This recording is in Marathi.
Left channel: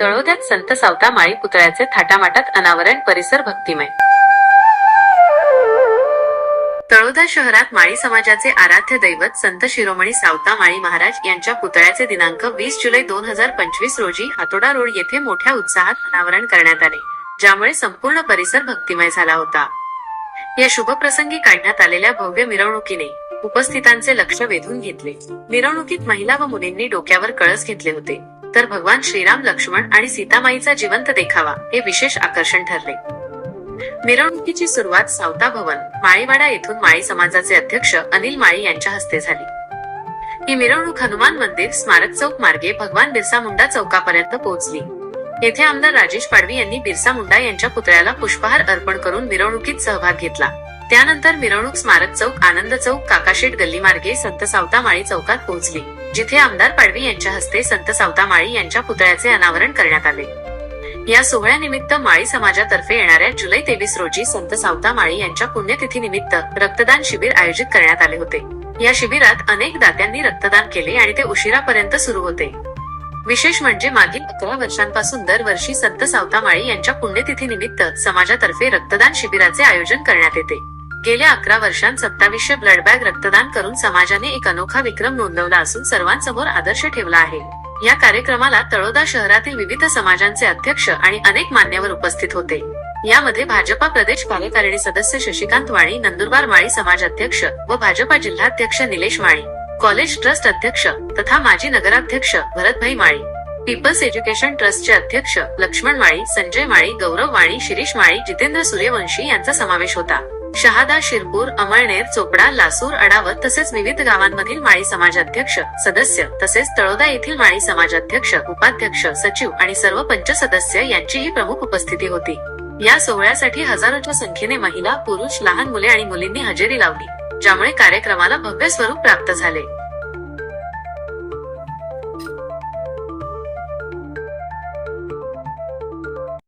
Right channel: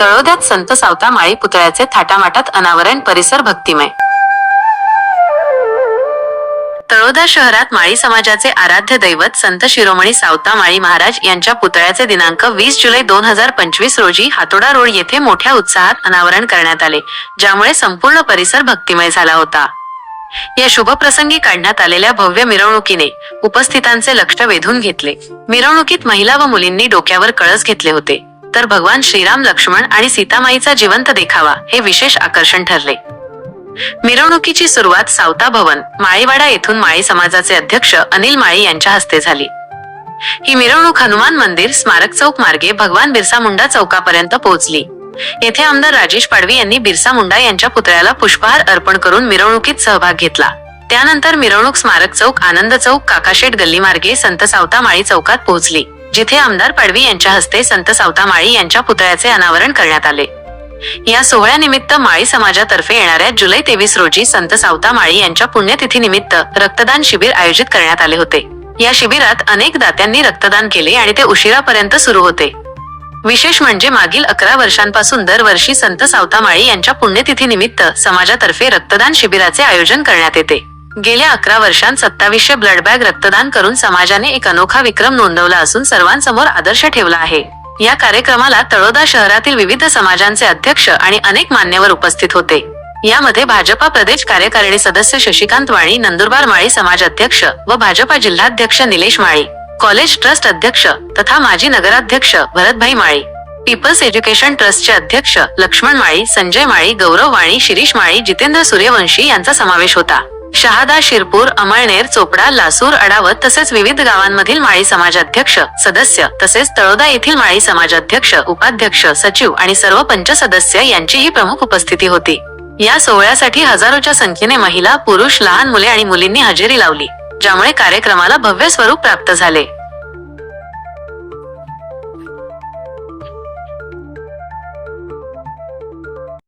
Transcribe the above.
तळोद्यात संत सावता माळी पुतळ्याचे थाटामाटात अनावरण परिसर भक्तिमय. तळोदा शहरात माळी समाजाचे आराध्य दैवत संत शिरोमणी सावता माळी महाराज यांच्या पुतळ्याचे दिनांक वीस जुलै दोन हजार पंचवीस रोजी हातोडा रोड येथे मोठ्या उत्साहात अनावरण करण्यात आले ज्यामुळे संपूर्ण परिसर भक्तिमय झाला होता. या शुभ प्रसंगी काढण्यात आलेल्या भव्य मिरवणुकीने उपस्थितांचे लक्ष वेधून घेतले. मिरवणुकीत महिला व मुलींनी डोक्यावर कळस घेतले होते. तर भगवान श्रीराम लक्ष्मण आणि सीतामाईचा जिवंत देखावा हे विशेष आकर्षण ठरले. मिरवणुकीची सुरुवात सावता भवन माळीवाडा येथून माळी समाजाचे अध्यक्ष अनिल माळी यांच्या हस्ते झाली. ही मिरवणूक हनुमान मंदिर स्मारक चौक मार्गे भगवान बिरसा मुंडा चौकापर्यंत पोहोचली. येथे आमदार राजेश पाडवी यांनी बिरसा मुंडा यांच्या पुतळ्याला पुष्पहार अर्पण करून मिरवणुकीत सहभाग घेतला. त्यानंतर मिरवणूक स्मारक चौक आनंद चौक काकाशेट गल्ली मार्गे संत सावता माळी चौकात पोहोचली. जिथे आमदार पाडवी यांच्या हस्ते संत सावता माळी यांच्या पुतळ्याचे अनावरण करण्यात आले. या सोहळ्यानिमित्त माळी समाजातर्फे येणाऱ्या जुलै तेवीस रोजी संत सावता माळी यांच्या पुण्यतिथीनिमित्त रक्तदान शिबिर आयोजित करण्यात आले होते. या शिबिरात अनेक दात्यांनी रक्तदान केले आणि ते उशिरापर्यंत सुरू होते. विशेष म्हणजे मागील अकरा वर्षांपासून दरवर्षी संत सावता माळी यांच्या पुण्यतिथीनिमित्त समाजातर्फे रक्तदान शिबिराचे आयोजन करण्यात येते. गेल्या अकरा वर्षांत सत्तावीसशे ब्लड बॅग रक्तदान करून समाजाने एक अनोखा विक्रम नोंदवला असून सर्वांसमोर आदर्श ठेवला आहे. या कार्यक्रमाला तळोदा शहरातील विविध समाजांचे अध्यक्ष आणि अनेक मान्यवर उपस्थित होते. यामध्ये भाजपा प्रदेश कार्यकारिणी सदस्य शशिकांत माळी नंदुरबार माळी समाज अध्यक्ष व भाजपा जिल्हाध्यक्ष निलेश माळी कॉलेज ट्रस्ट अध्यक्ष तथा माजी नगराध्यक्ष भरतभाई माळी पीपल्स एज्युकेशन ट्रस्टचे अध्यक्ष लक्ष्मण माळी संजय माळी गौरव वाणी शिरीष माळी जितेंद्र सूर्यवंशी यांचा समावेश होता. शहादा शिरपूर अमळनेर चोपडा लासूर अडावत तसेच विविध गावांमधील माळी समाजाध्यक्ष सदस्य तसेच तळोदा येथील माळी समाजाध्यक्ष उपाध्यक्ष सचिव आणि सर्व पंच सदस्य यांचीही प्रमुख उपस्थिती होती. या सोहळ्यासाठी हजारोच्या संख्येने महिला पुरुष लहान मुले आणि मुलींनी हजेरी लावली ज्यामुळे कार्यक्रमाला भव्य स्वरूप प्राप्त झाले.